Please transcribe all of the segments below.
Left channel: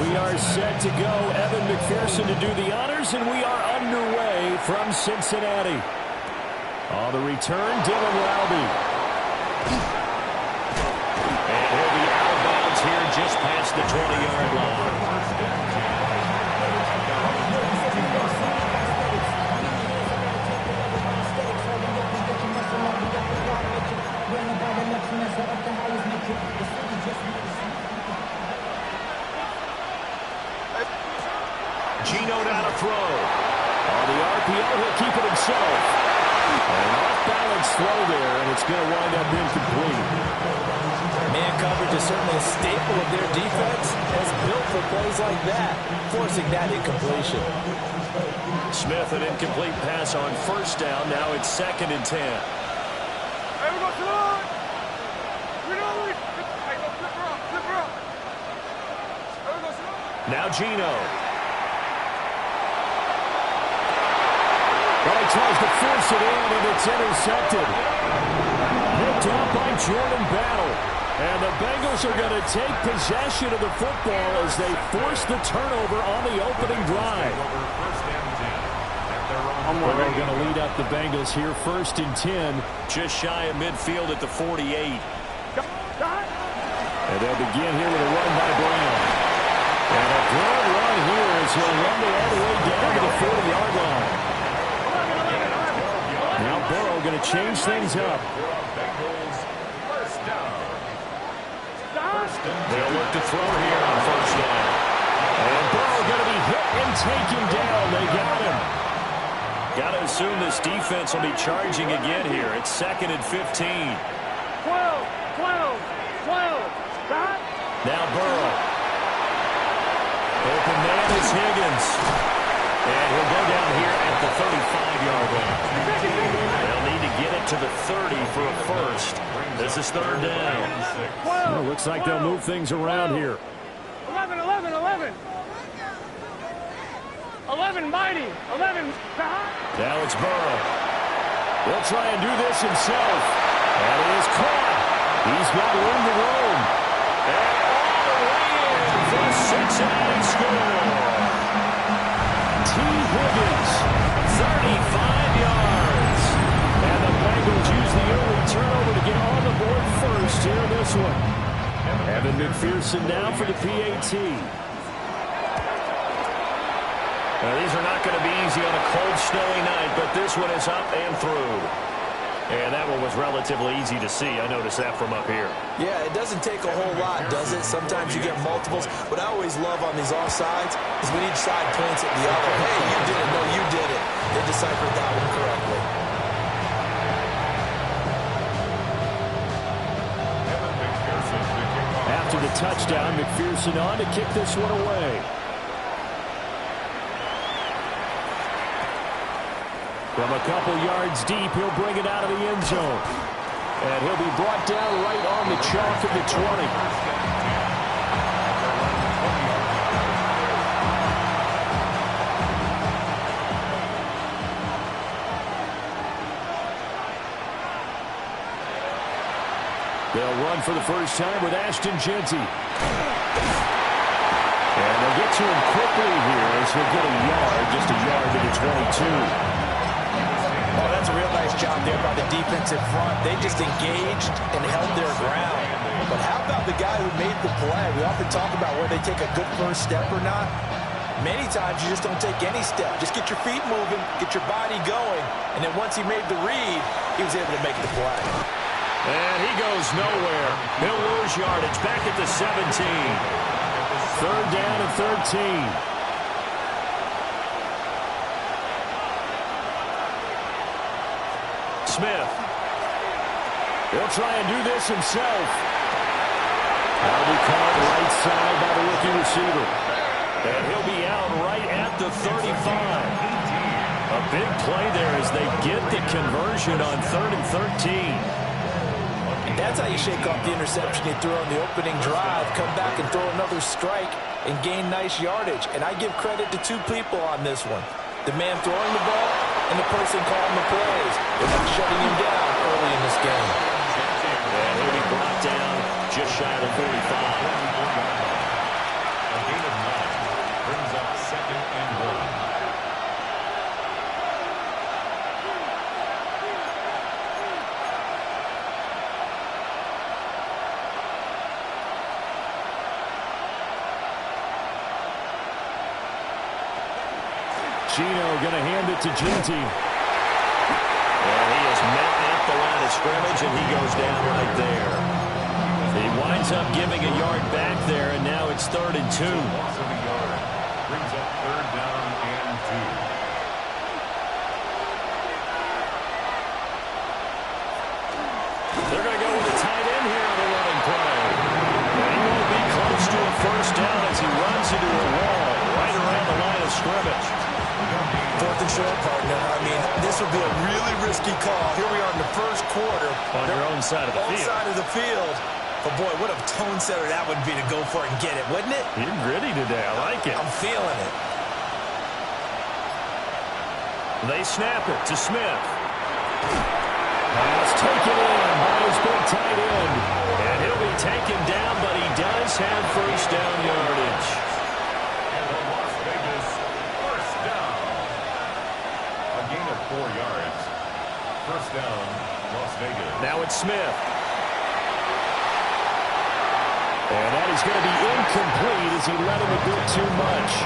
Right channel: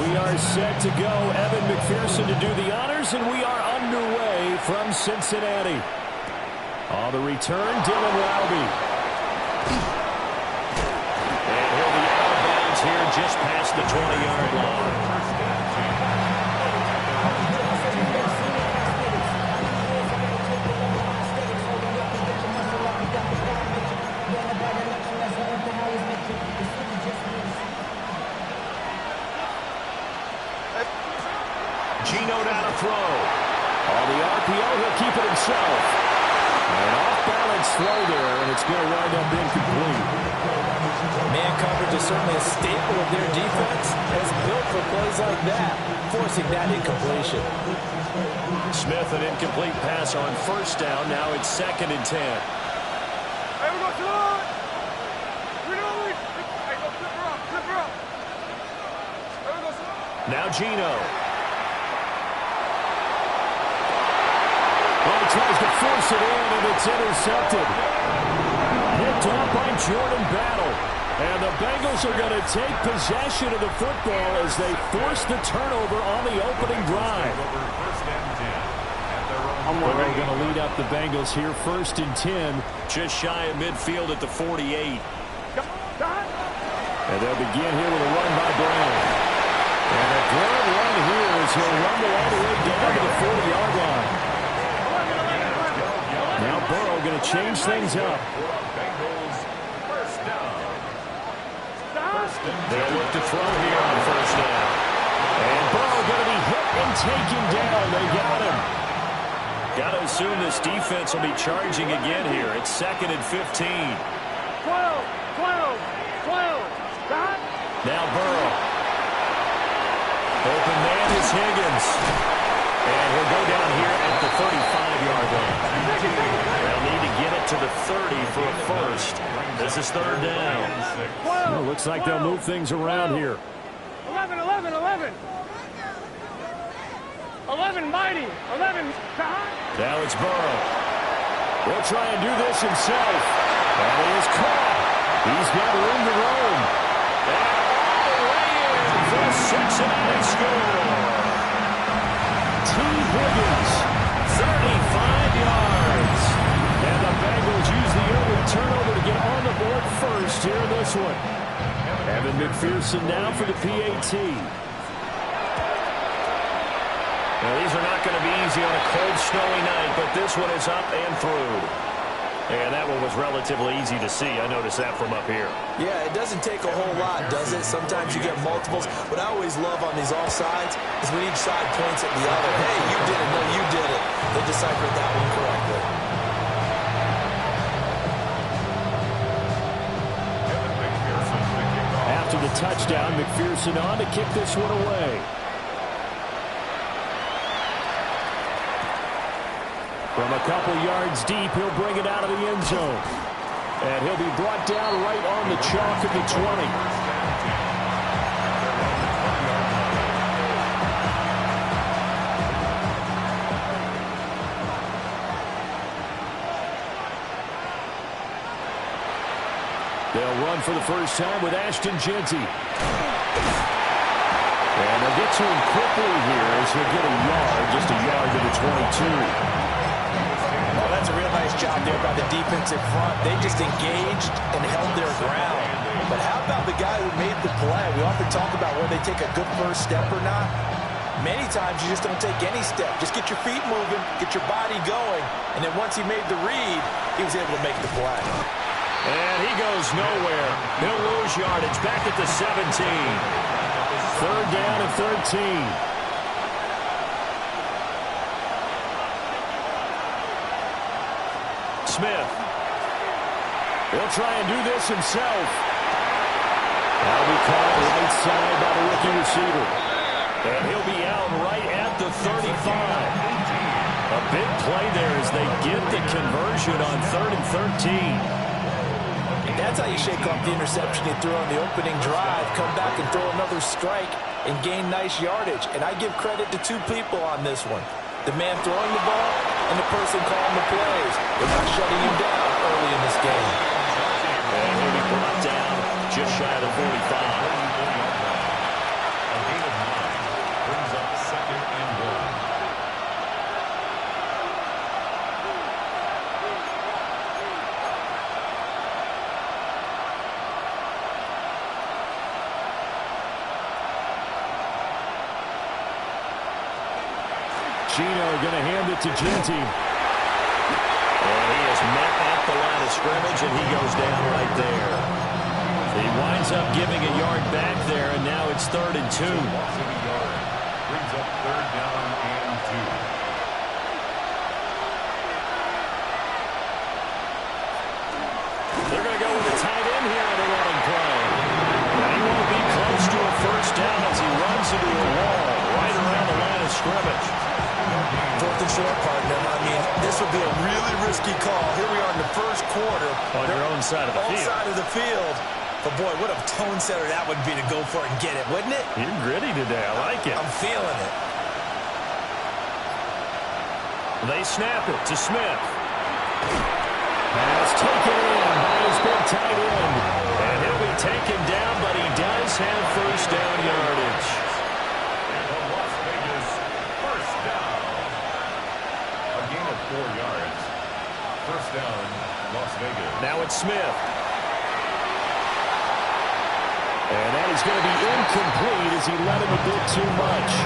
We are set to go. Evan McPherson to do the honors, and we are underway from Cincinnati. On the return, Dylan Rowby. And he'll be out of bounds here just past the 20-yard line. Gino down to throw. On the RPO, he'll keep it himself. An off-balance throw there, and it's going to wind up incomplete. Man coverage is certainly a staple of their defense, as built for plays like that, forcing that incompletion. Smith, an incomplete pass on first down. Now it's 2nd and 10. Hey, we go to the line. We know it. Hey, go flip her up, flip her up. Hey, we go to the line. Now Gino. Well, he tries to force it in, and it's intercepted. Picked off by Jordan Battle. And the Bengals are going to take possession of the football as they force the turnover on the opening drive. Burrow going to lead up the Bengals here, 1st and 10. Just shy of midfield at the 48. And they'll begin here with a run by Brown. And a good run here as he'll rumble all the way down to the 40-yard line. Now Burrow going to change things up. They'll look to throw here on 1st down. And Burrow going to be hit and taken down. They got him. Got to assume this defense will be charging again here. It's 2nd and 15. 12. Stop. Now Burrow. Open man is Higgins. And he'll go down here at the 35-yard line. They'll need to get it to the 30 for a first. This is 3rd down. Well, looks like they'll move things around here. 11. 11, mighty. 11. Now it's Burrow. He'll try and do this himself. And he is caught. He's got room to roam. And all the way in for Cincinnati score. T. Higgins, 35 yards. And the Bengals use the early turnover to get on the board first here in this one. Evan McPherson now for the PAT. Now, these are not going to be easy on a cold, snowy night, but this one is up and through. And that one was relatively easy to see. I noticed that from up here. Yeah, it doesn't take a whole lot, does it? Sometimes you get multiples. What I always love on these offsides is when each side points at the other. Hey, you did it. No, you did it. They deciphered that one correctly. After the touchdown, McPherson on to kick this one away. From a couple yards deep, he'll bring it out of the end zone. And he'll be brought down right on the chalk of the 20. They'll run for the first time with Ashton Jeanty. And they'll get to him quickly here as he'll get a yard, just a yard to the 22. Oh, that's a real nice job there by the defensive front. They just engaged and held their ground. But how about the guy who made the play? We often talk about whether they take a good first step or not. Many times you just don't take any step. Just get your feet moving, get your body going, and then once he made the read, he was able to make the play. And he goes nowhere. He'll lose yardage back at the 17. 3rd down and 13. Smith. He'll try and do this himself. That'll be caught right side by the rookie receiver. And he'll be out right at the 35. A big play there as they get the conversion on 3rd and 13. And that's how you shake off the interception you threw on the opening drive. Come back and throw another strike and gain nice yardage. And I give credit to two people on this one. The man throwing the ball and the person calling the plays. They're not shutting him down early in this game. And he'll be brought down just shy of the 45. Gino going to hand it to Cantu. And he is met at the line of scrimmage, and he goes down right there. He winds up giving a yard back there, and now it's 3rd and 2. Loss of a yard. Brings up 3rd down and 2. They're going to go with the tight end here on the running play. And he won't be close to a first down as he runs into a wall right around the line of scrimmage. 4th and short, partner. I mean, this would be a really risky call. Here we are in the first quarter. On your own side of the field. Side of the field. But, boy, what a tone setter that would be to go for it and get it, wouldn't it? You're gritty today. I like it. I'm feeling it. They snap it to Smith. Pass taken in by his big tight end. And he'll be taken down, but he does have first down yardage. And the Las Vegas first down. A gain of 4 yards. First down, Las Vegas. Now it's Smith. And that is going to be incomplete as he led him a bit too much.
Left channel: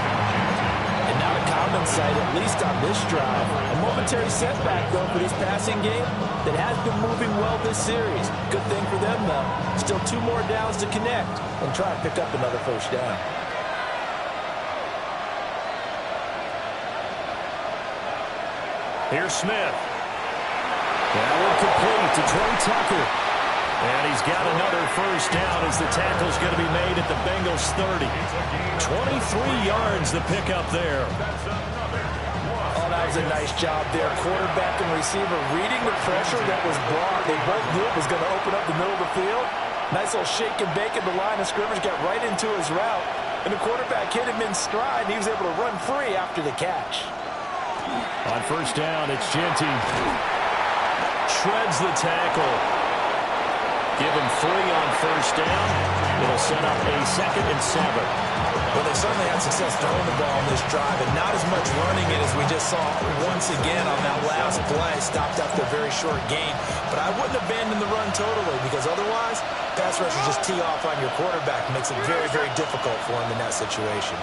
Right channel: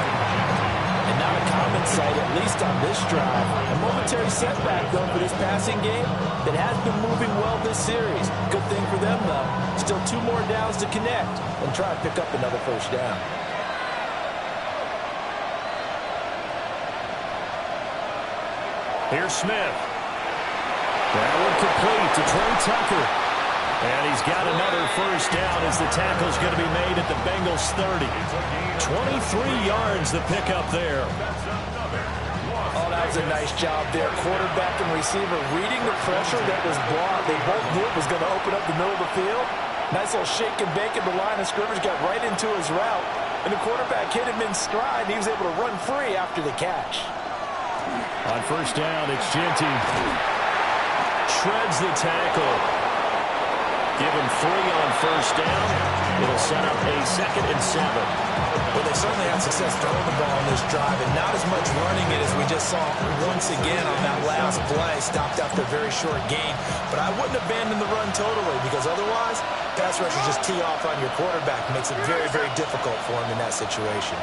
And now a common sight, at least on this drive. A momentary setback, though, for this passing game that has been moving well this series. Good thing for them, though. Still 2 more downs to connect and try and pick up another first down. Here's Smith. That one complete to Trey Tucker. And he's got another first down as the tackle's going to be made at the Bengals 30. 23 yards the pickup there. Oh, that was a nice job there. Quarterback and receiver reading the pressure that was brought. They both knew it was going to open up the middle of the field. Nice little shake and bake at the line of scrimmage. Got right into his route. And the quarterback hit him in stride, and he was able to run free after the catch. On first down, it's Cantu. Shreds the tackle. Give him 3 on first down. It'll set up a 2nd and 7. Well, they certainly had success throwing the ball on this drive, and not as much running it as we just saw once again on that last play. Stopped after a very short gain. But I wouldn't abandon the run totally, because otherwise, pass rushers just tee off on your quarterback. Makes it very, very difficult for him in that situation.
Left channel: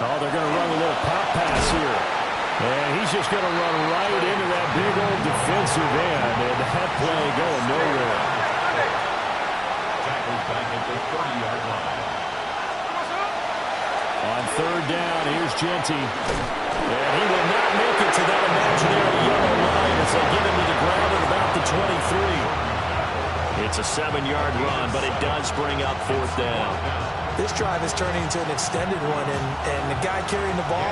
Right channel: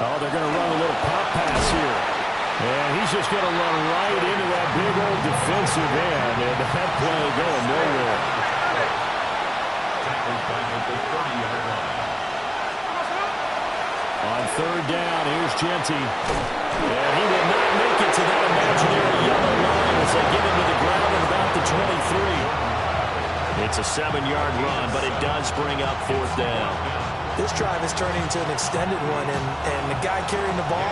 Oh, they're going to run a little pop pass here. And he's just going to run right into that big old defensive end. And that play going nowhere. Tackles back at the 30-yard line. On third down, here's Cantu. And he will not make it to that imaginary yellow line as they get him to the ground at about the 23. It's a 7-yard run, but it does bring up 4th down. This drive is turning into an extended one, and the guy carrying the ball,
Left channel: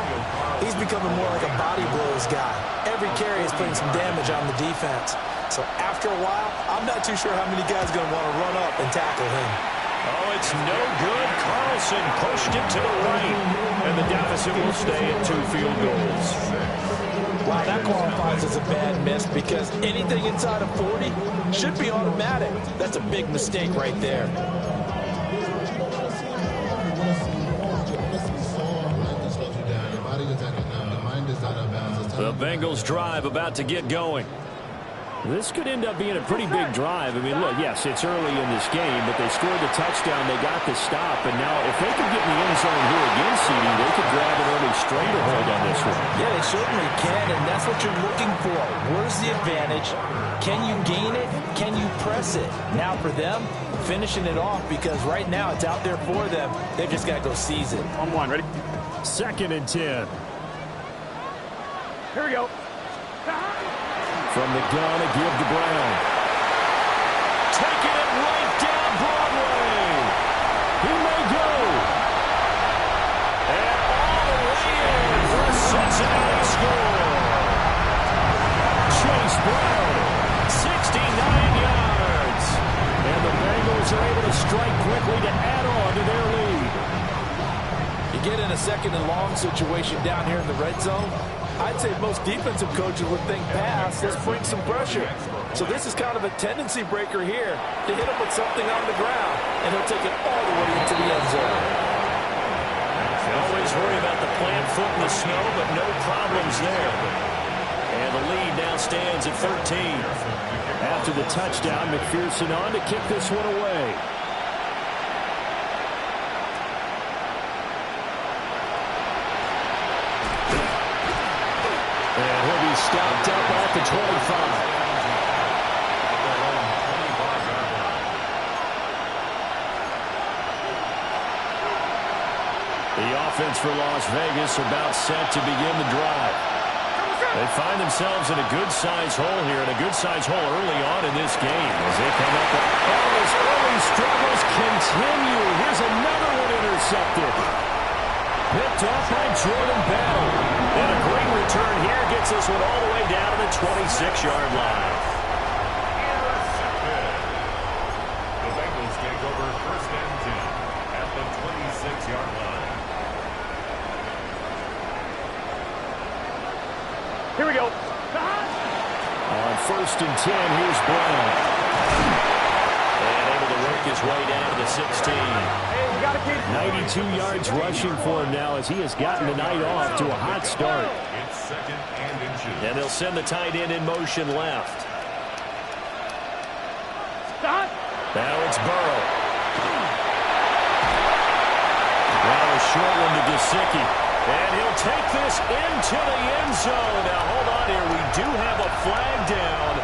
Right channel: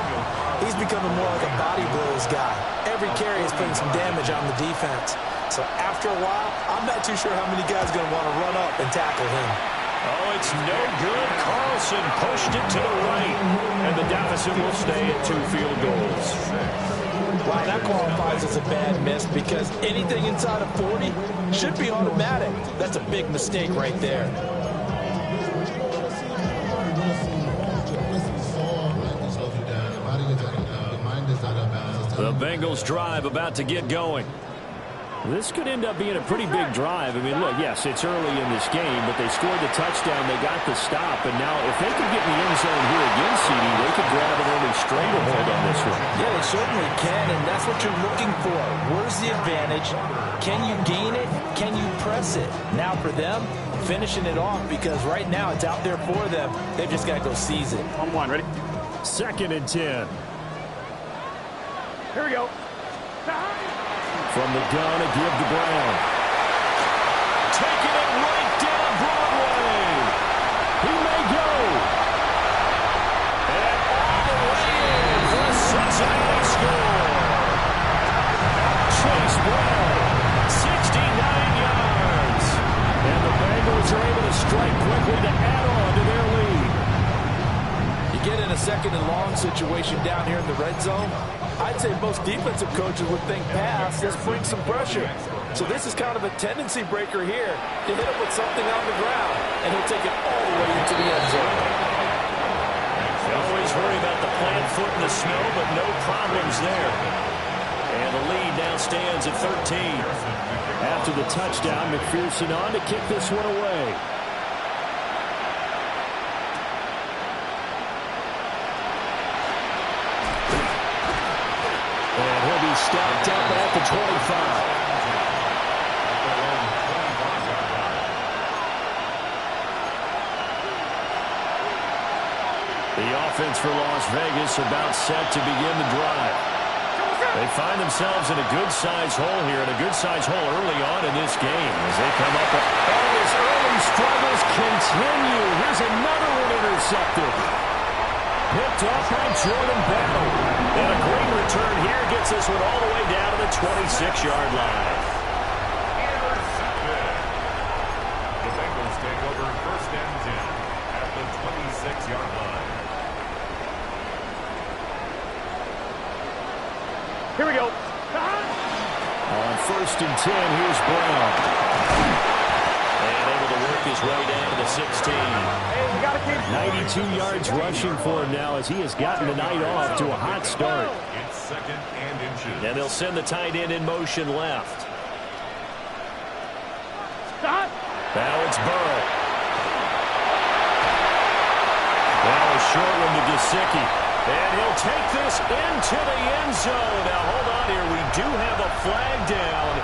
he's becoming more like a body blows guy. Every carry is putting some damage on the defense. So after a while, I'm not too sure how many guys are going to want to run up and tackle him. Oh, it's no good. Carlson pushed it to the right, and the deficit will stay at 2 field goals. Wow, that qualifies as a bad miss because anything inside of 40 should be automatic. That's a big mistake right there. The Bengals drive about to get going. This could end up being a pretty big drive. I mean, look, yes, it's early in this game, but they scored the touchdown. They got the stop. And now if they could get in the end zone here again, CD, they could grab an early stranglehold on this one. Yeah, they certainly can, and that's what you're looking for. Where's the advantage? Can you gain it? Can you press it? Now for them, finishing it off because right now it's out there for them. They've just got to go seize it. On 1, ready? 2nd and 10. Here we go. From the gun, a give to Brown. Taking it right down Broadway. He may go. And all the way in for a Cincinnati score. Chase Brown, 69 yards. And the Bengals are able to strike quickly to add on to their lead. You get in a 2nd and long situation down here in the red zone, I'd say most defensive coaches would think pass, let's bring some pressure. So this is kind of a tendency breaker here to hit him with something on the ground, and he'll take it all the way into the end zone. You always worry about the plant foot in the snow, but no problems there. And the lead now stands at 13. After the touchdown, McPherson on to kick this one away. he's stopped up at the 25. At their own 25-yard line. The offense for Las Vegas about set to begin the drive. They find themselves in a good-sized hole here, and a good-sized hole early on in this game as they come up. All his early struggles continue. Here's another one intercepted. Picked off by Jordan Battle. And a great return here gets this one all the way down to the 26-yard line. Intercepted. The Bengals take over 1st and 10 at the 26-yard line. Here we go. On 1st and 10, here's Brown. And able to work his way down to the 16. Hey, we got to keep 92 yards rushing for him now as he has gotten the night off to a hot start. It's 2nd and inches. And they'll send the tight end in motion left. Stop. Now it's Burrow. Now a short one to Gesicki. And he'll take this into the end zone. Now, hold on here. We do have a flag down.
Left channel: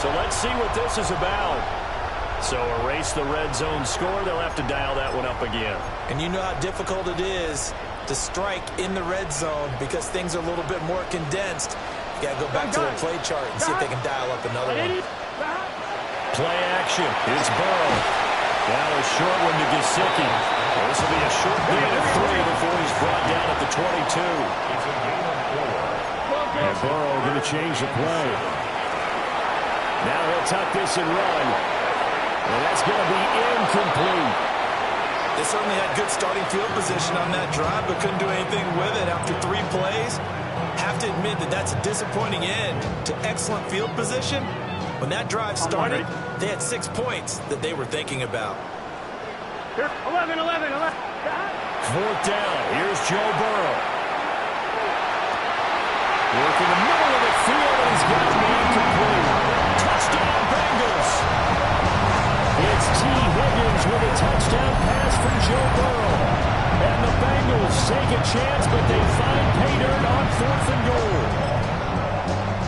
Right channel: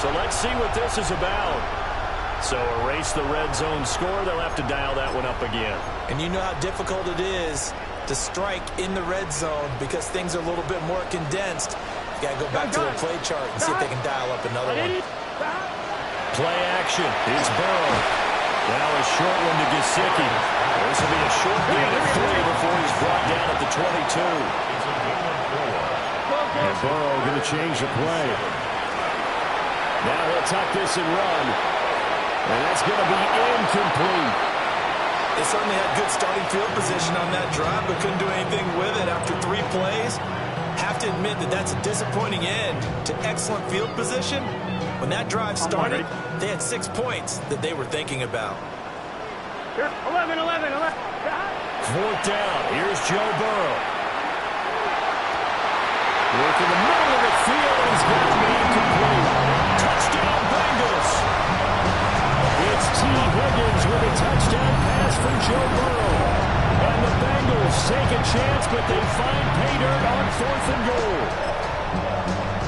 So let's see what this is about. So erase the red zone score. They'll have to dial that one up again. And you know how difficult it is to strike in the red zone because things are a little bit more condensed. You got to go back to their play chart and see if they can dial up another one. Play action. It's Burrow. Now a short one to Gesicki. This will be a short gain of 3 before he's brought down at the 22. It's a gain of 4. And Burrow going to change the play. Now he'll tuck this and run. And that's going to be incomplete. They certainly had good starting field position on that drive, but couldn't do anything with it after 3 plays. Have to admit that that's a disappointing end to excellent field position. When that drive started, they had 6 points that they were thinking about. Here, 11. 4th down. Here's Joe Burrow. Work in the middle of the field, and he's got to be incomplete. Touchdown, Bengals. It's T. Higgins with a touchdown pass from Joe Burrow. And the Bengals take a chance, but they find pay dirt on 4th and goal.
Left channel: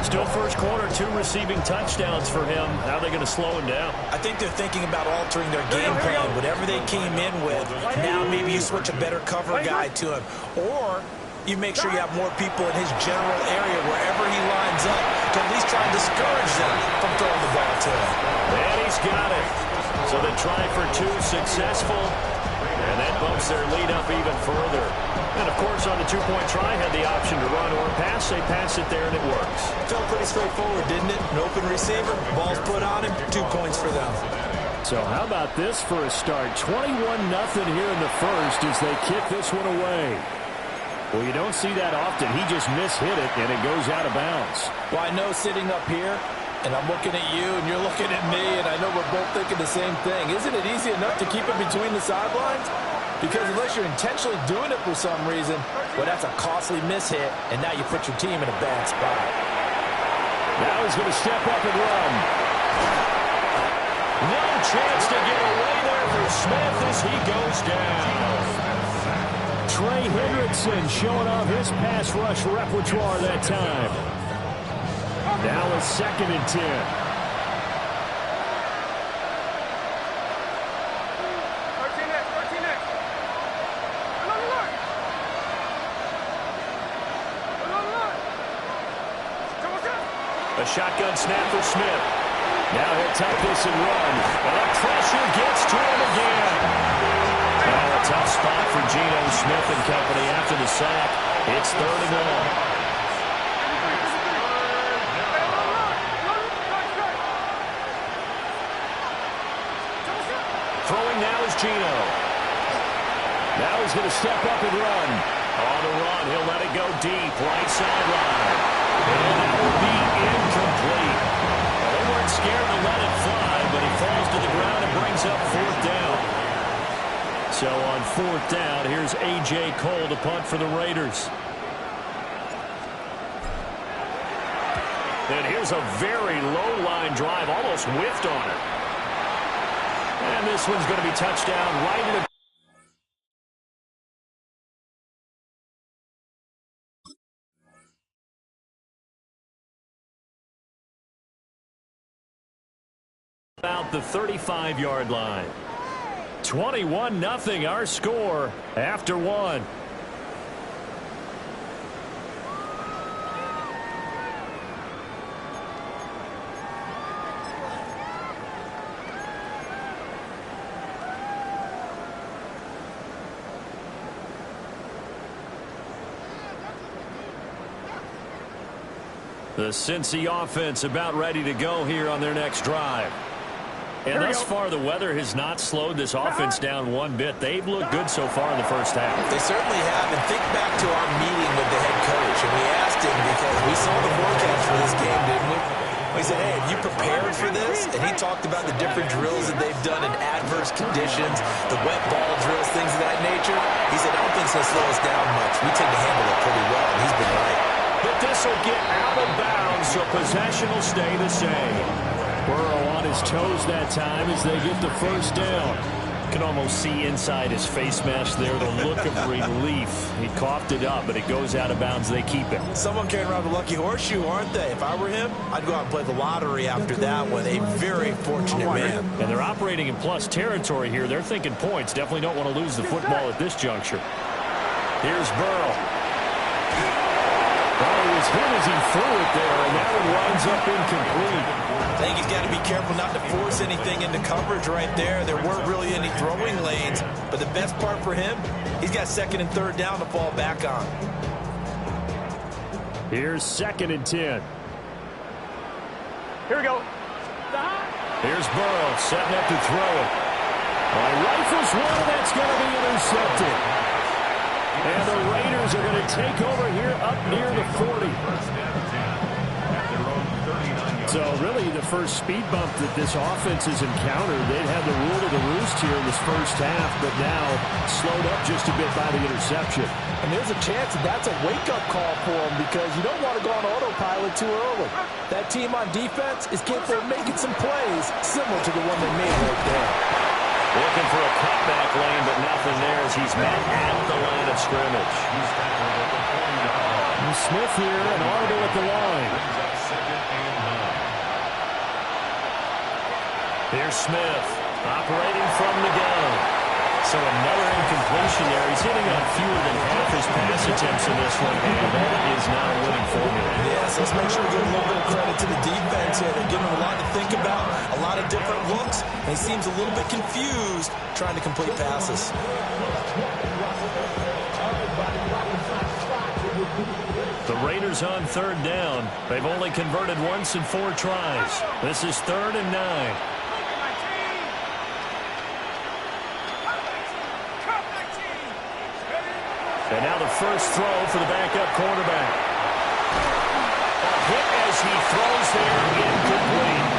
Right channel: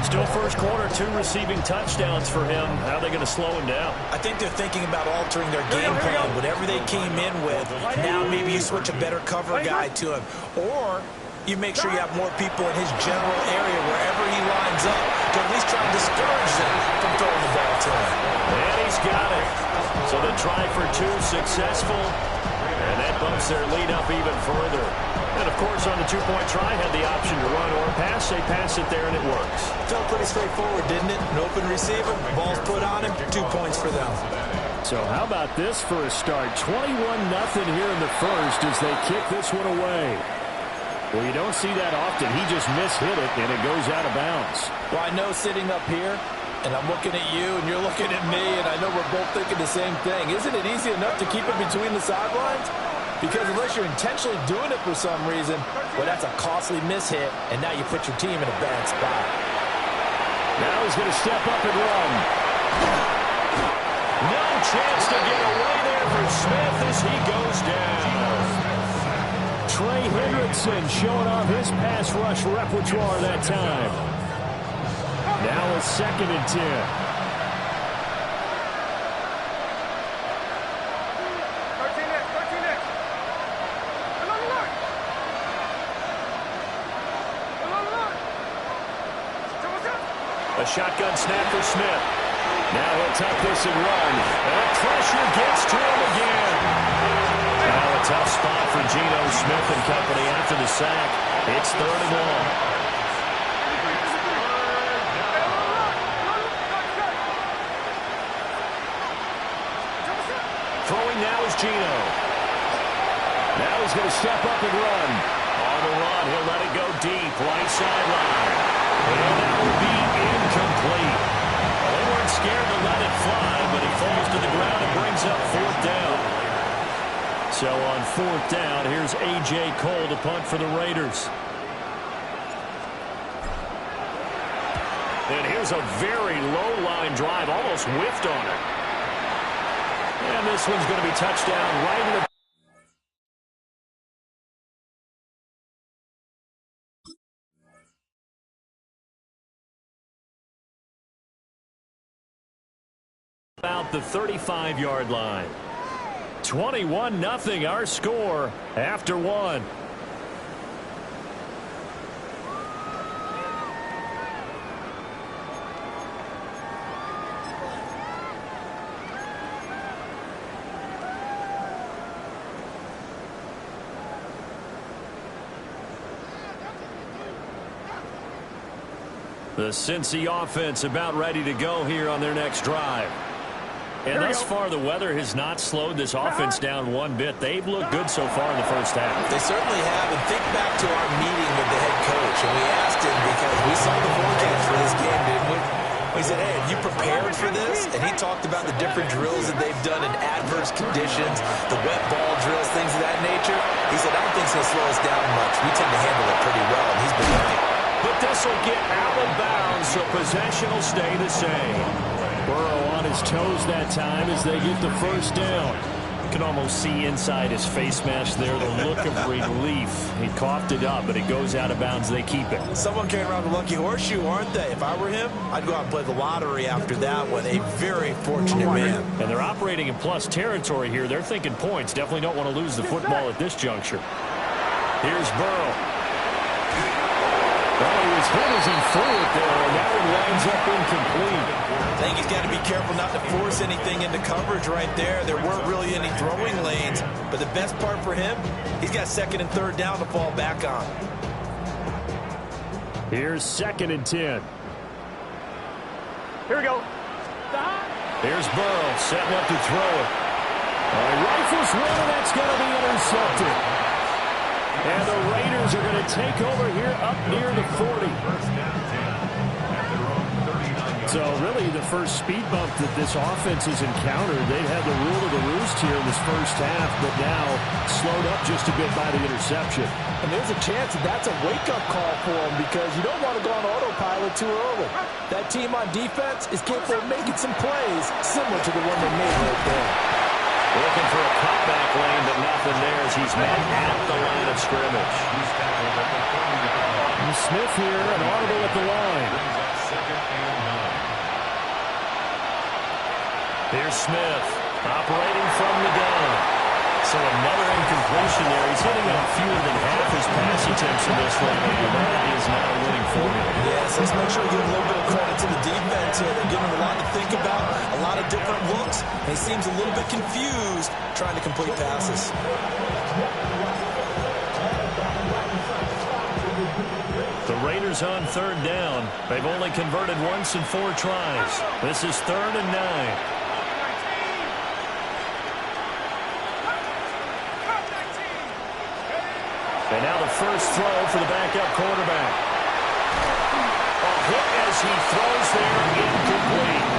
Still first quarter, 2 receiving touchdowns for him. How are they going to slow him down? I think they're thinking about altering their game plan. Whatever they came in with, now maybe you switch a better cover guy to him. Or you make sure you have more people in his general area wherever he lines up to at least try and discourage them from throwing the ball to him. And he's got it. So the try for 2 successful. And that bumps their lead up even further. And, of course, on the 2-point try, had the option to run or pass. They pass it there, and it works. Felt pretty straightforward, didn't it? An open receiver, ball's put on him, 2 points for them. So how about this for a start? 21-0 here in the first as they kick this one away. Well, you don't see that often. He just mishit it, and it goes out of bounds. Well, I know sitting up here, and I'm looking at you, and you're looking at me, and I know we're both thinking the same thing. Isn't it easy enough to keep it between the sidelines? Because unless you're intentionally doing it for some reason, well, that's a costly mishit, and now you put your team in a bad spot. Now he's going to step up and run. No chance to get away there for Smith as he goes down. Trey Hendrickson showing off his pass rush repertoire that time. Now it's 2nd and 10. A shotgun snap for Smith. Now he'll tuck this and run. And the pressure gets to him again. Now a tough spot for Geno Smith and company after the sack. It's 3rd and long. Throwing now is Geno. Now he's going to step up and run. On the run, he'll let it go deep, right sideline. And that will be incomplete. Well, they weren't scared to let it fly, but he falls to the ground and brings up 4th down. So on 4th down, here's A.J. Cole to punt for the Raiders. And here's a very low line drive, almost whiffed on it. And this one's going to be touchdown right in the the 35-yard line. 21-0 our score after one. The Cincy offense about ready to go here on their next drive. And thus far, the weather has not slowed this offense down one bit. They've looked good so far in the first half. They certainly have. And think back to our meeting with the head coach. And we asked him because we saw the forecast for this game, didn't we? We said, hey, have you prepared for this? And he talked about the different drills that they've done in adverse conditions, the wet ball drills, things of that nature. He said, I don't think it's going to slow us down much. We tend to handle it pretty well, and he's been right. But this will get out of bounds, so possession will stay the same. Burrow on his toes that time as they get the first down. You can almost see inside his face mask there the look of relief. He coughed it up, but it goes out of bounds. They keep it. Someone carrying around the lucky horseshoe, aren't they? If I were him, I'd go out and play the lottery after that one. A very fortunate man. And they're operating in plus territory here. They're thinking points. Definitely don't want to lose the football at this juncture. Here's Burrow. Well, he was hit as he threw it there, and that one winds up incomplete. I think he's got to be careful not to force anything into coverage right there. There weren't really any throwing lanes, but the best part for him, he's got second and third down to fall back on. Here's 2nd and 10. Here we go. Here's Burrow setting up to throw it. Rifles one, and that's going to be intercepted. And the Raiders are going to take over here up near the 40. So really the first speed bump that this offense has encountered, they'd had the rule of the roost here in this first half, but now slowed up just a bit by the interception. And there's a chance that that's a wake-up call for them because you don't want to go on autopilot too early. That team on defense is capable of making some plays similar to the one they made right there. Looking for a cutback lane, but nothing there as he's met at the line of scrimmage. And Smith here, an audible at the line. Here's Smith, operating from the gun. So another incompletion there. He's hitting on fewer than half his pass attempts in this one, and that is not a winning formula. Yes, let's make sure we give a little bit of credit to the defense here. They're giving him a lot to think about, a lot of different looks, and he seems a little bit confused trying to complete passes. The Raiders on third down. They've only converted once in 4 tries. This is 3rd and 9. And now the first throw for the backup quarterback. A hit as he throws there, incomplete.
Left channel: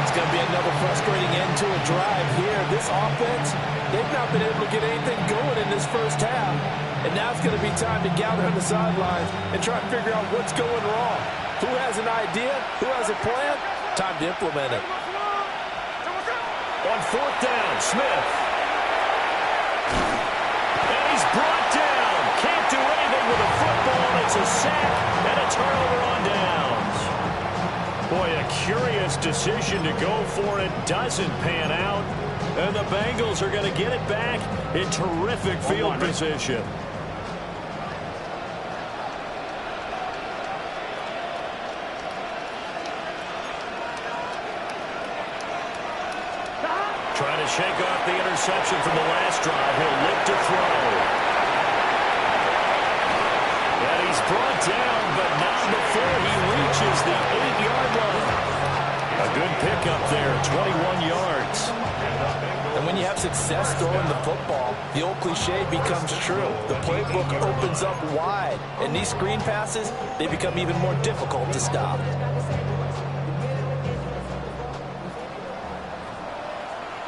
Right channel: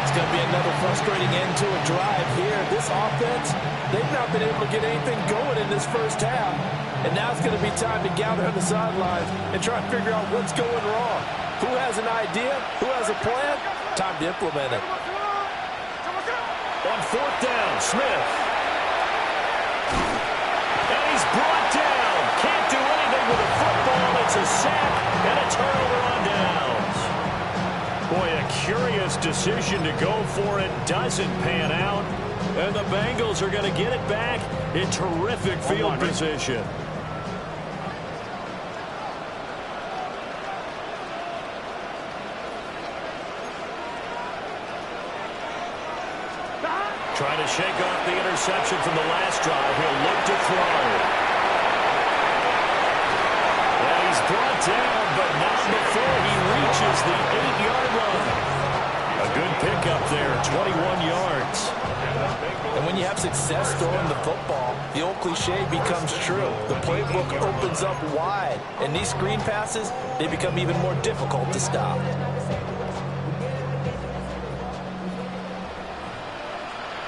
It's going to be another frustrating end to a drive here. This offense, they've not been able to get anything going in this first half. And now it's going to be time to gather on the sidelines and try to figure out what's going wrong. Who has an idea? Who has a plan? Time to implement it. On 4th down, Smith. And he's brought down. Can't do anything with a football. It's a sack and a turnover on downs. Boy, a curious decision to go for it. Doesn't pan out. And the Bengals are going to get it back in terrific field position. Trying to shake off the interception from the last drive. He'll look to throw. And he's brought down, but not before he reaches the 8-yard line. A good pickup there, 21 yards. And when you have success throwing the football, the old cliche becomes true. The playbook opens up wide. And these screen passes, they become even more difficult to stop.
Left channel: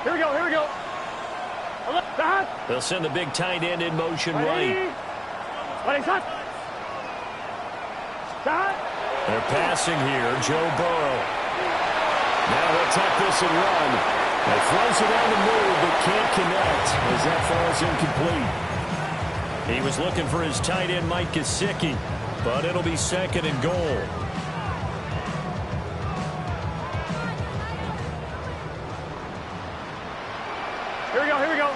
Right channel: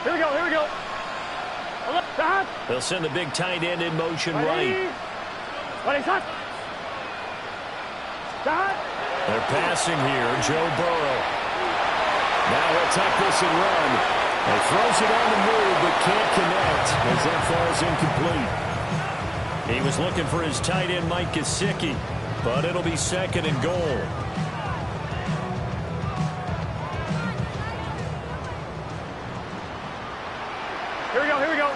Here we go, here we go. They'll send the big tight end in motion right. They're passing here, Joe Burrow. Now he'll tuck this and run. He throws it on the move, but can't connect as that falls incomplete. He was looking for his tight end, Mike Gesicki, but it'll be 2nd and goal. Here we go, here we go.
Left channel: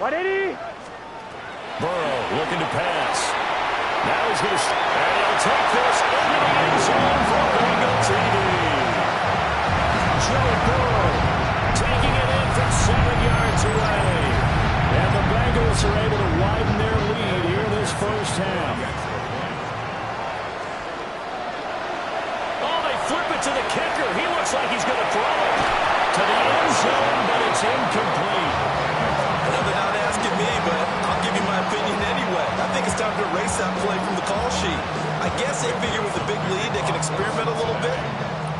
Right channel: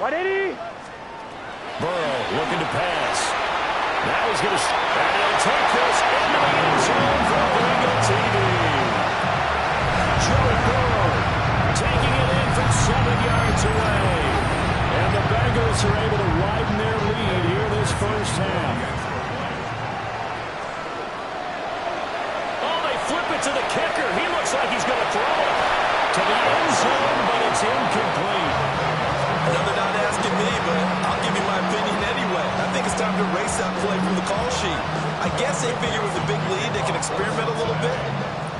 180. Burrow looking to pass. Now he's going to, and he'll take this into the end zone for Bengal TD. Joe Burrow taking it in from 7 yards away. And the Bengals are able to widen their lead here this first half. Oh, they flip it to the kicker. He looks like he's going to throw it to the end zone, but it's incomplete. Another not asking me, but I'll give you my opinion anyway. I think it's time to erase that play from the call sheet. I guess they figure with a big lead they can experiment a little bit.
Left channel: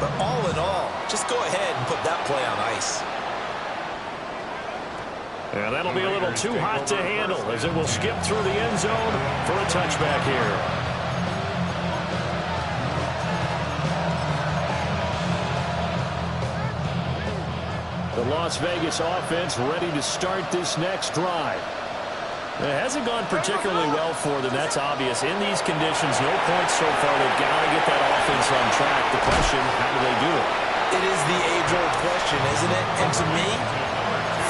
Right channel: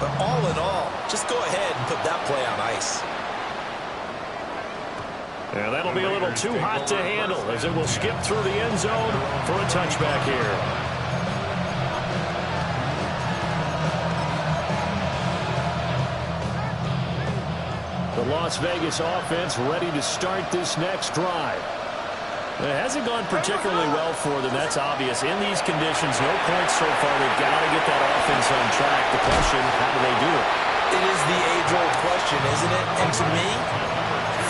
But all in all, just go ahead and put that play on ice. And that'll be a little too hot to handle as it will skip through the end zone for a touchback here. The Las Vegas offense ready to start this next drive. It hasn't gone particularly well for them, that's obvious. In these conditions, no points so far. They've got to get that offense on track. The question, how do they do it? It is the age-old question, isn't it? And to me,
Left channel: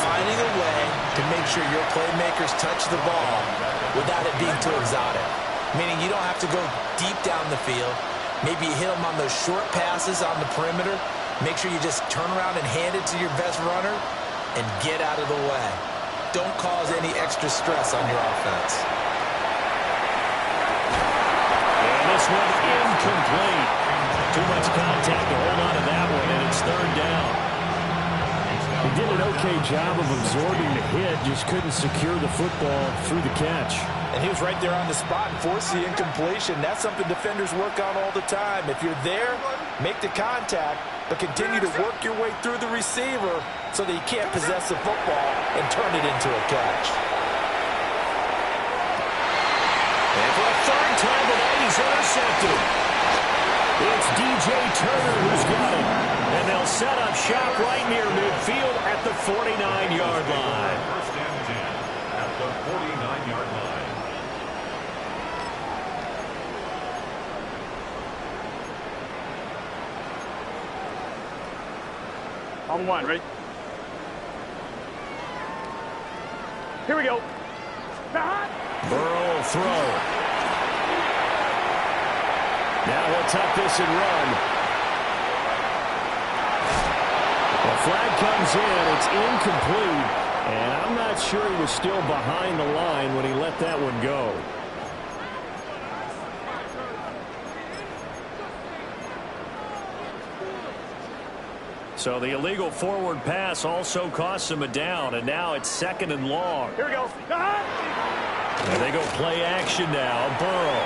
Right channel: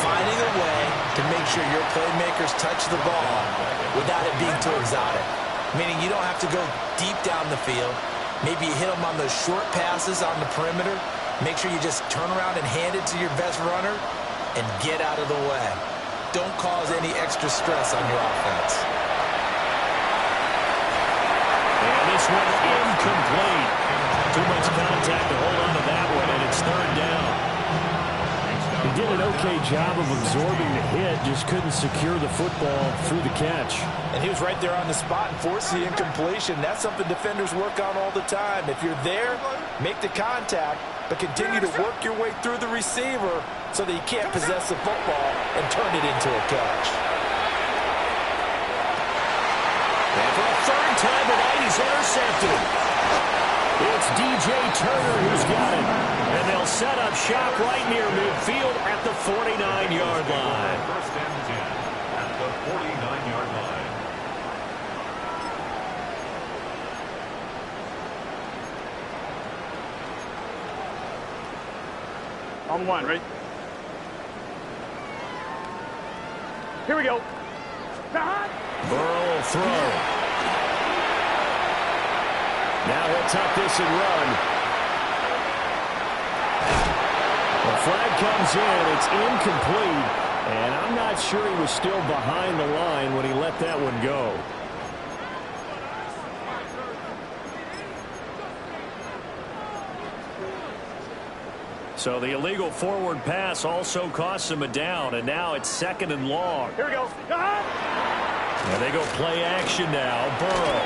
finding a way to make sure your playmakers touch the ball without it being too exotic. Meaning you don't have to go deep down the field. Maybe you hit them on those short passes on the perimeter. Make sure you just turn around and hand it to your best runner and get out of the way. Don't cause any extra stress on your offense. And this one incomplete. Too much contact to hold on to that one, and it's third down. He did an okay job of absorbing the hit, just couldn't secure the football through the catch. And he was right there on the spot and forced the incompletion. That's something defenders work on all the time. If you're there, make the contact, but continue to work your way through the receiver so that you can't possess the football and turn it into a catch. And for a third time tonight, he's intercepted. It's DJ Turner who's got it. And they'll set up shop right near midfield at the 49-yard line. First and 10 at the 49-yard line. On one, ready? Here we go. Burrow will throw. Now he'll tuck this and run. The flag comes in. It's incomplete. And I'm not sure he was still behind the line when he let that one go. So the illegal forward pass also costs him a down, and now it's second and long. Here we go. And they go play action now. Burrow.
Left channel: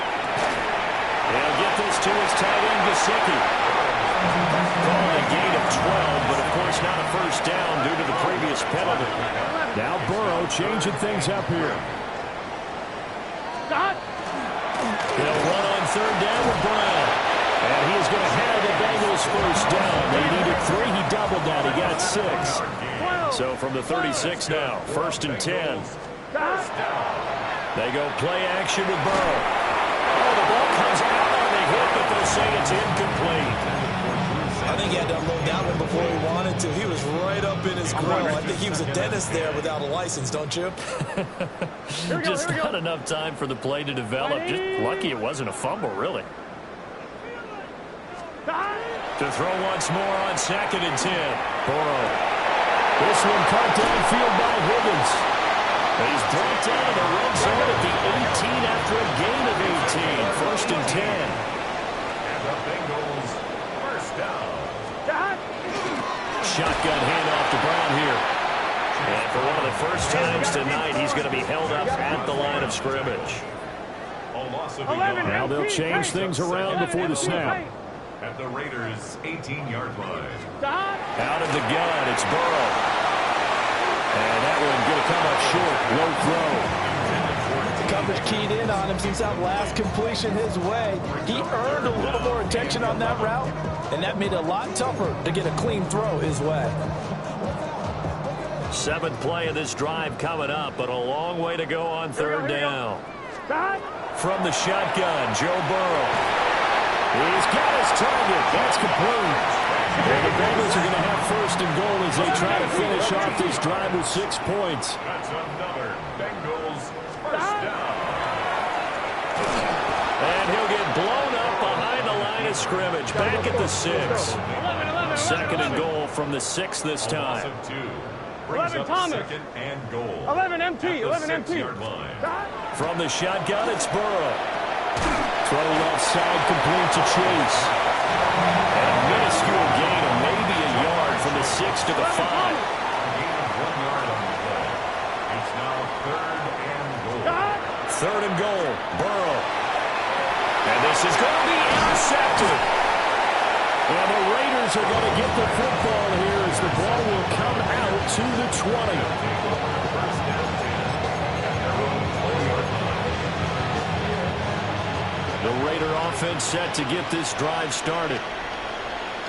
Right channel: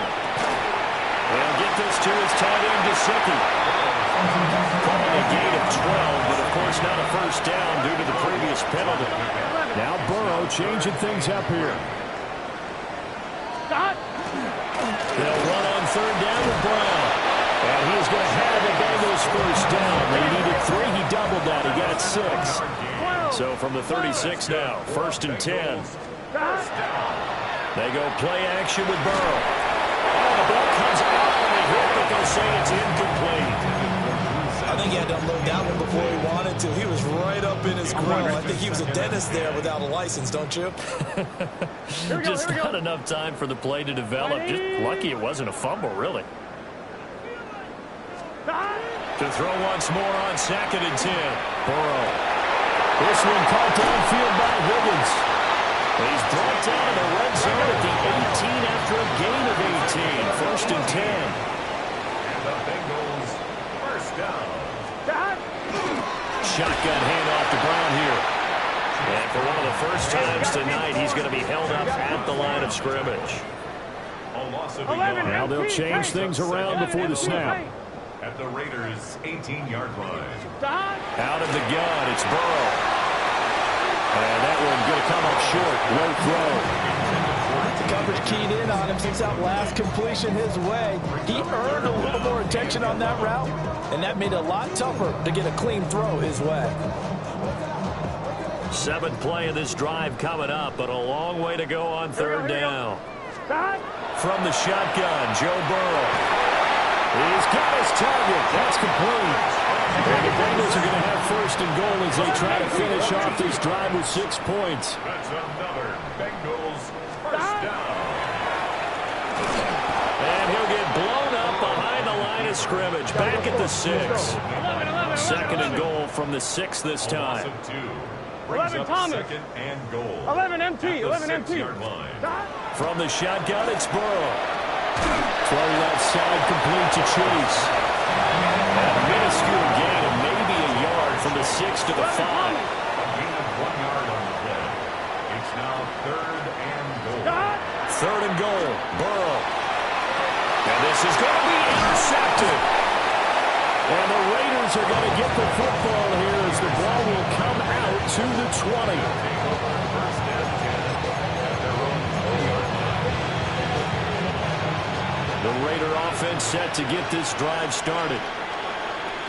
They'll get this to his tight end, Gesicki. Calling a gain of 12, but of course not a first down due to the previous penalty. Now Burrow changing things up here. They'll run on third down with Brown. And he is going to have the Bengals first down. They needed 3. He doubled that. He got 6. So from the 36 now, first and 10. They go play action with Burrow. Oh, the ball comes out on the hit, but they'll say it's incomplete. I think he had to unload that one before he wanted to. He was right up in his grill. I think he was a dentist there without a license, don't you? Just not enough time for the play to develop. Just lucky it wasn't a fumble, really. To throw once more on second and 10. Burrow. This one caught downfield by Higgins. He's brought down to the red zone at the 18 after a gain of 18. First and 10. And the Bengals first down. Shotgun handoff to Brown here. And for one of the first times tonight, he's going to be held up at the line of scrimmage. A loss of a yard. Now they'll change things around before the snap. At the Raiders' 18-yard line. Out of the gun, it's Burrow. And that one going to come up short. Low throw. The coverage keyed in on him since that last completion his way. He earned a little more attention on that route, and that made it a lot tougher to get a clean throw his way. 7th play of this drive coming up, but a long way to go on third down. From the shotgun, Joe Burrow. He's got his target. That's complete. And the Bengals are going to have first and goal as they try to finish off this drive with 6 points. That's another Bengals first down. And he'll get blown up behind the line of scrimmage. Back at the 6. Second and goal from the 6 this time. 11 Thomas. Second and goal. 11 MT. 11 MT. From the shotgun, it's Burrow. Throw left side, complete to Chase. And a minuscule gain of maybe a yard from the 6 to the 5. A gain of 1 yard on the play. It's now third and goal. Third and goal, Burrow. And this is going to be intercepted. And the Raiders are going to get the football here as the ball will come out to the 20. Take over first and 10 at their own 20-yard line. The Raider offense set to get this drive started.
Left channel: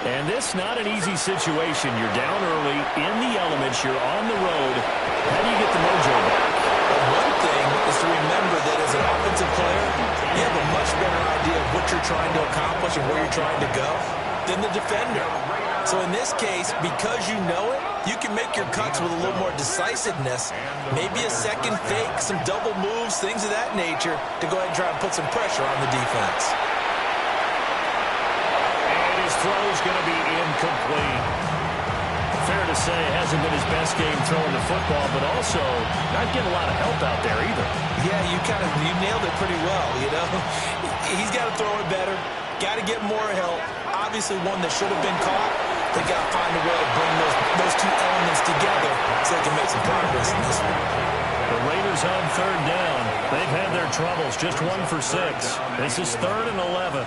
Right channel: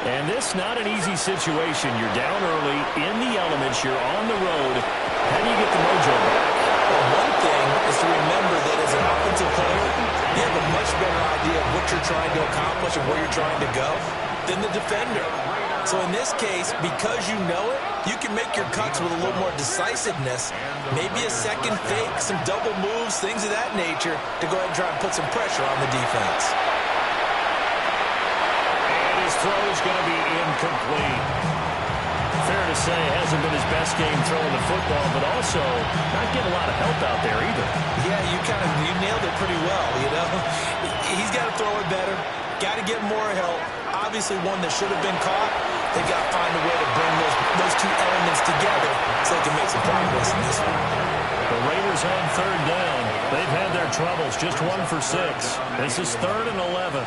And this not an easy situation. You're down early, in the elements, you're on the road. How do you get the mojo back? Well, one thing is to remember that as an offensive player, you have a much better idea of what you're trying to accomplish and where you're trying to go than the defender. So in this case, because you know it, you can make your cuts with a little more decisiveness, maybe a second fake, some double moves, things of that nature, to go ahead and try and put some pressure on the defense. And his throw's going to be incomplete. Fair to say, hasn't been his best game throwing the football, but also not getting a lot of help out there either. Yeah, you nailed it pretty well, you know. He's got to throw it better, got to get more help. Obviously one that should have been caught. They've got to find a way to bring those two elements together so they can make some progress in this one. The Raiders on third down. They've had their troubles, just 1 for 6. This is 3rd and 11.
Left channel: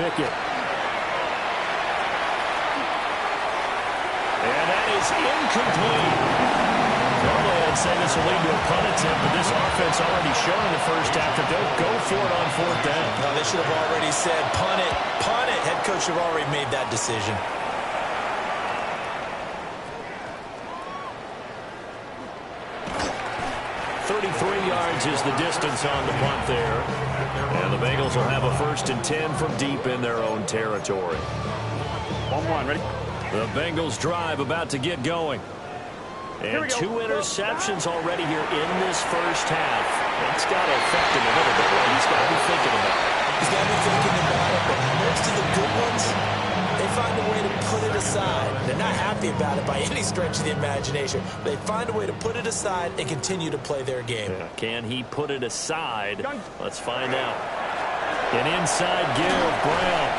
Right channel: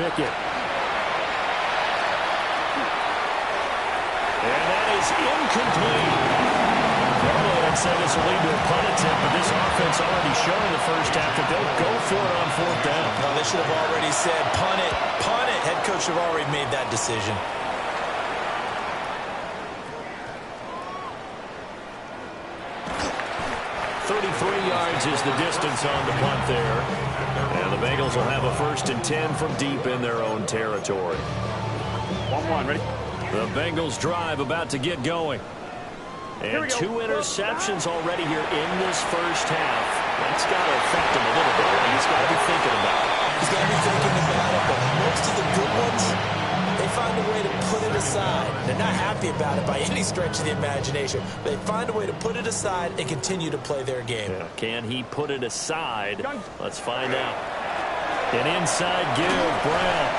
Pickett. And that is incomplete. Normally, I'd say this will lead to a punt attempt, but this offense already shown in the first half that they'll go for it on 4th down. No, they should have already said, punt it, punt it. Head coach should have already made that decision. .33 yards is the distance on the punt there. And the Bengals will have a 1st and 10 from deep in their own territory. 1-1, ready? The Bengals drive about to get going. And 2 interceptions already here in this first half. That's got to affect him a little bit, right? He's got to be thinking about it. He's got to be thinking about it, but most of the good ones, they find a way to put it aside. They're not happy about it by any stretch of the imagination. They find a way to put it aside and continue to play their game. Yeah, can he put it aside? Let's find out. An inside give, Brown.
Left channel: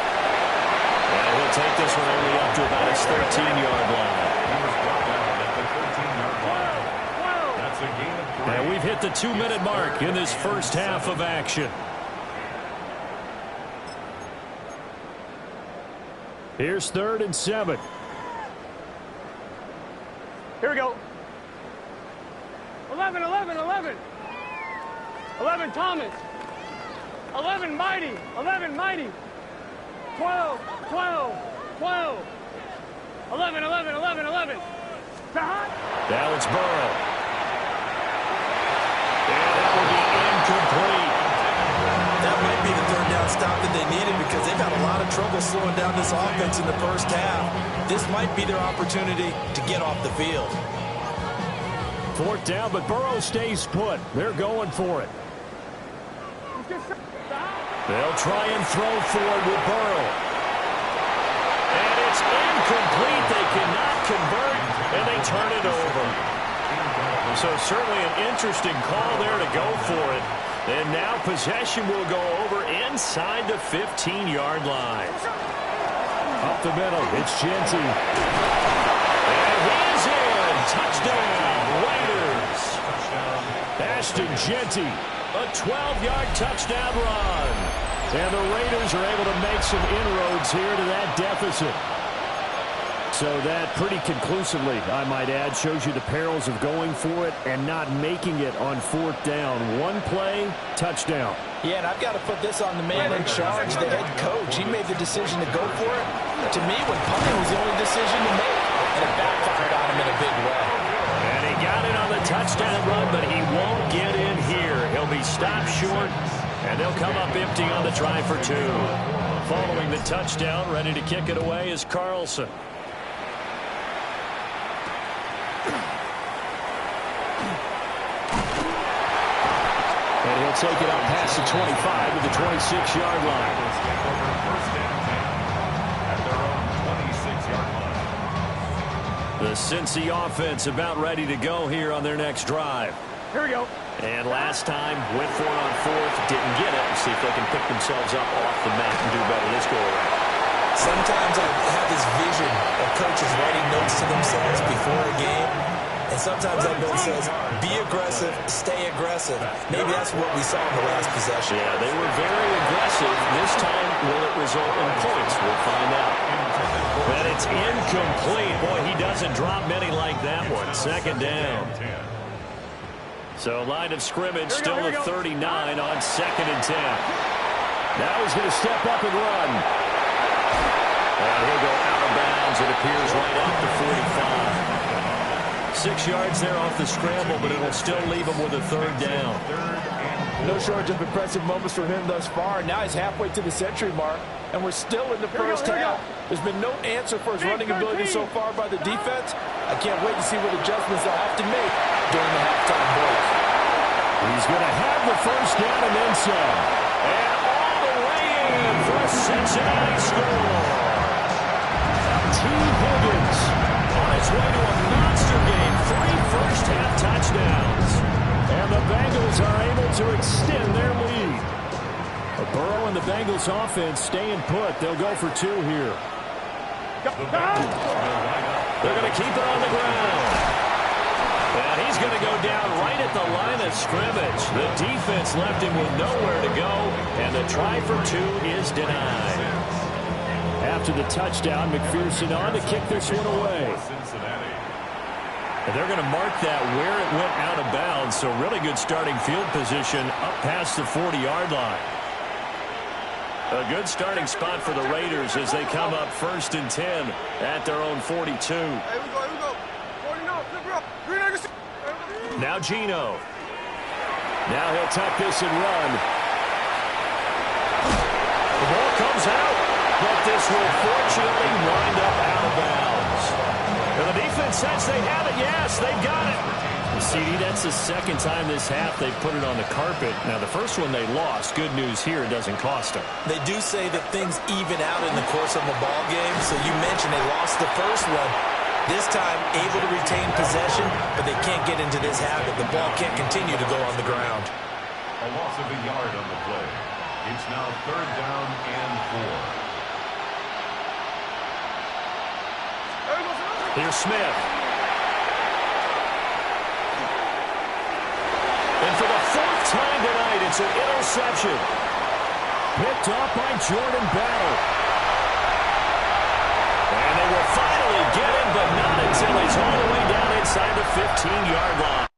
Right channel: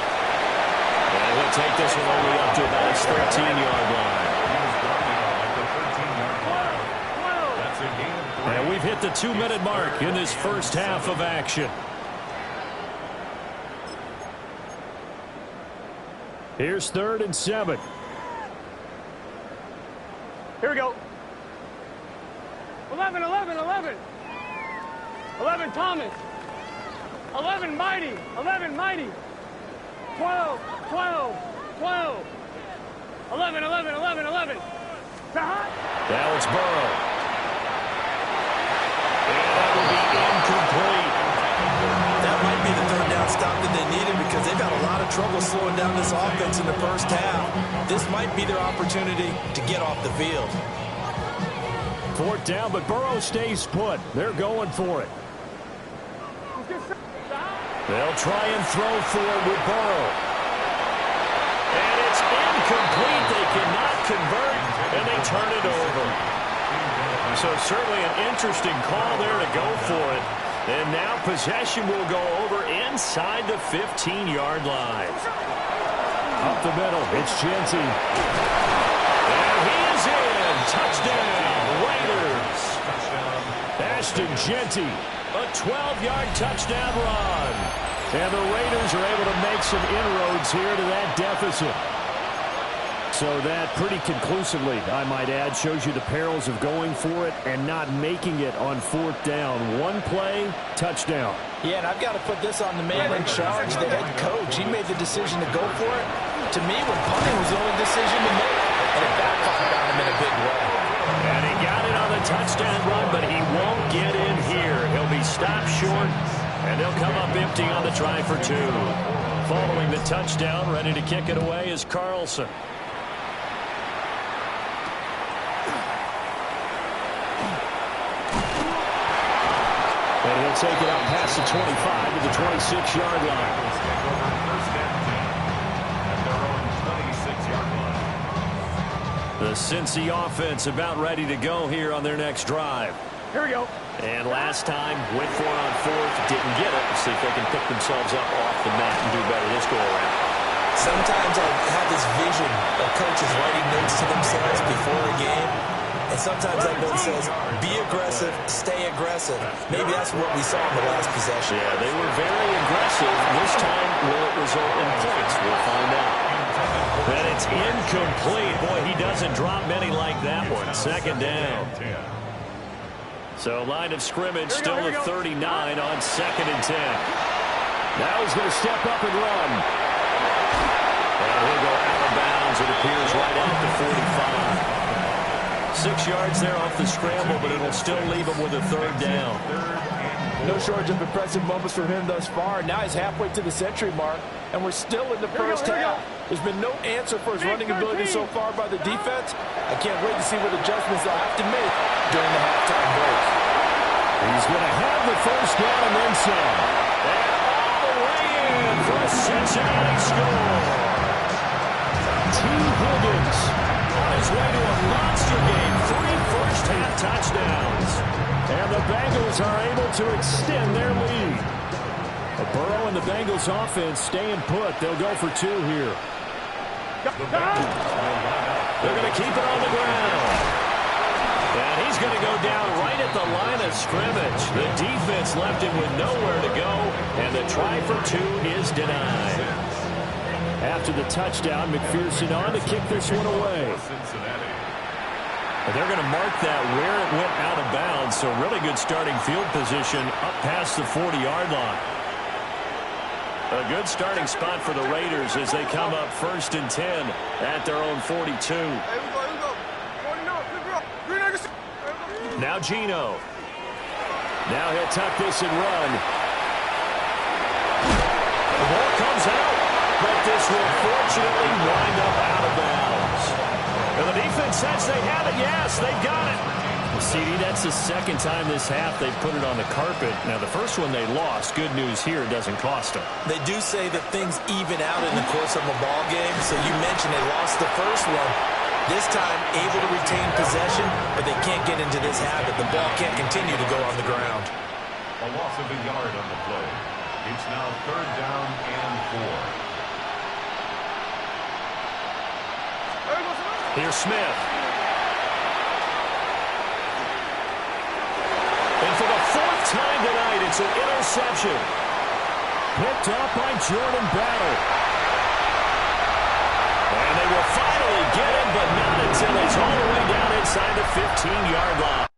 And he'll take this one only up to about his 13-yard line. He was brought down at the 13-yard line. That's a gain of 3. And we've hit the 2-minute mark in this first half of action. Here's 3rd and 7. Here we go. 11, 11, 11. 11 Thomas. 11 Mighty. 11 Mighty. 12, 12, 12. 11, 11, 11, 11. Now it's Burrow. And that will be incomplete. That might be the 3rd down stop that they needed because they've had a lot of trouble slowing down this offense in the first half. This might be their opportunity to get off the field. 4th down, but Burrow stays put. They're going for it. They'll try and throw forward with Burrow. And it's incomplete. They cannot convert, and they turn it over. So certainly an interesting call there to go for it. And now possession will go over inside the 15-yard line. Up the middle, it's Cantu. And he is in. Touchdown, Raiders. Ashton Cantu, a 12-yard touchdown run. And the Raiders are able to make some inroads here to that deficit. So that pretty conclusively, I might add, shows you the perils of going for it and not making it on 4th down. One play, touchdown. Yeah, and I've got to put this on the man in charge, the head coach. He made the decision to go for it. To me, when punting was the only decision to make, and it backfired on him in a big way. And he got it on the touchdown run, but he won't get in here. He'll be stopped short And they'll come up empty on the try for 2. Following the touchdown, ready to kick it away is Carlson. And he'll take it out past the 25 to the 26-yard line. Take over first and 10 at their own 26-yard line. The Cincy offense about ready to go here on their next drive. Here we go. And last time, went for it on 4th, didn't get it. See if they can pick themselves up off the mat and do better this go-around. Sometimes I have this vision of coaches writing notes to themselves before a game. And sometimes that note says, be aggressive, stay aggressive. Maybe that's what we saw in the last possession. Yeah, they were very aggressive. This time, will it result in points? We'll find out. But it's incomplete. Boy, he doesn't drop many like that one. Second down. So line of scrimmage still at 39 on 2nd and 10. Now he's going to step up and run. And he'll go out of bounds. It appears right off the 45. 6 yards there off the scramble, but it'll still leave him with a 3rd down. No shortage of impressive moments from him thus far. Now he's halfway to the century mark, and we're still in the first half. There's been no answer for his running ability so far by the defense. I can't wait to see what adjustments they'll have to make during the halftime break. He's going to have the first down and then some. And all the way in for a Cincinnati score. T. Higgins on his way to a monster game. 3 first-half touchdowns. And the Bengals are able to extend their lead. Burrow and the Bengals offense staying put. They'll go for 2 here. They're going to keep it on the ground. And he's going to go down right at the line of scrimmage. The defense left him with nowhere to go. And the try for 2 is denied. After the touchdown, McPherson on to kick this one away. And they're going to mark that where it went out of bounds. So really good starting field position up past the 40-yard line. A good starting spot for the Raiders as they come up 1st and 10 at their own 42. Here we go. 49, flip it up. Now Geno. Now he'll tuck this and run. The ball comes out, but this will fortunately wind up out of bounds. And the defense says they have it. Yes, they've got it. CD, that's the 2nd time this half they've put it on the carpet. Now, the first one they lost. Good news here, it doesn't cost them. They do say that things even out in the course of a ball game. So you mentioned they lost the first one. This time, able to retain possession, but they can't get into this habit. The ball can't continue to go on the ground. A loss of a yard on the play. It's now 3rd down and 4. Here's Smith. And for the 4th time tonight, it's an interception. Picked up by Jordan Battle. And they will finally get him, but not until he's all the way down inside the 15-yard line.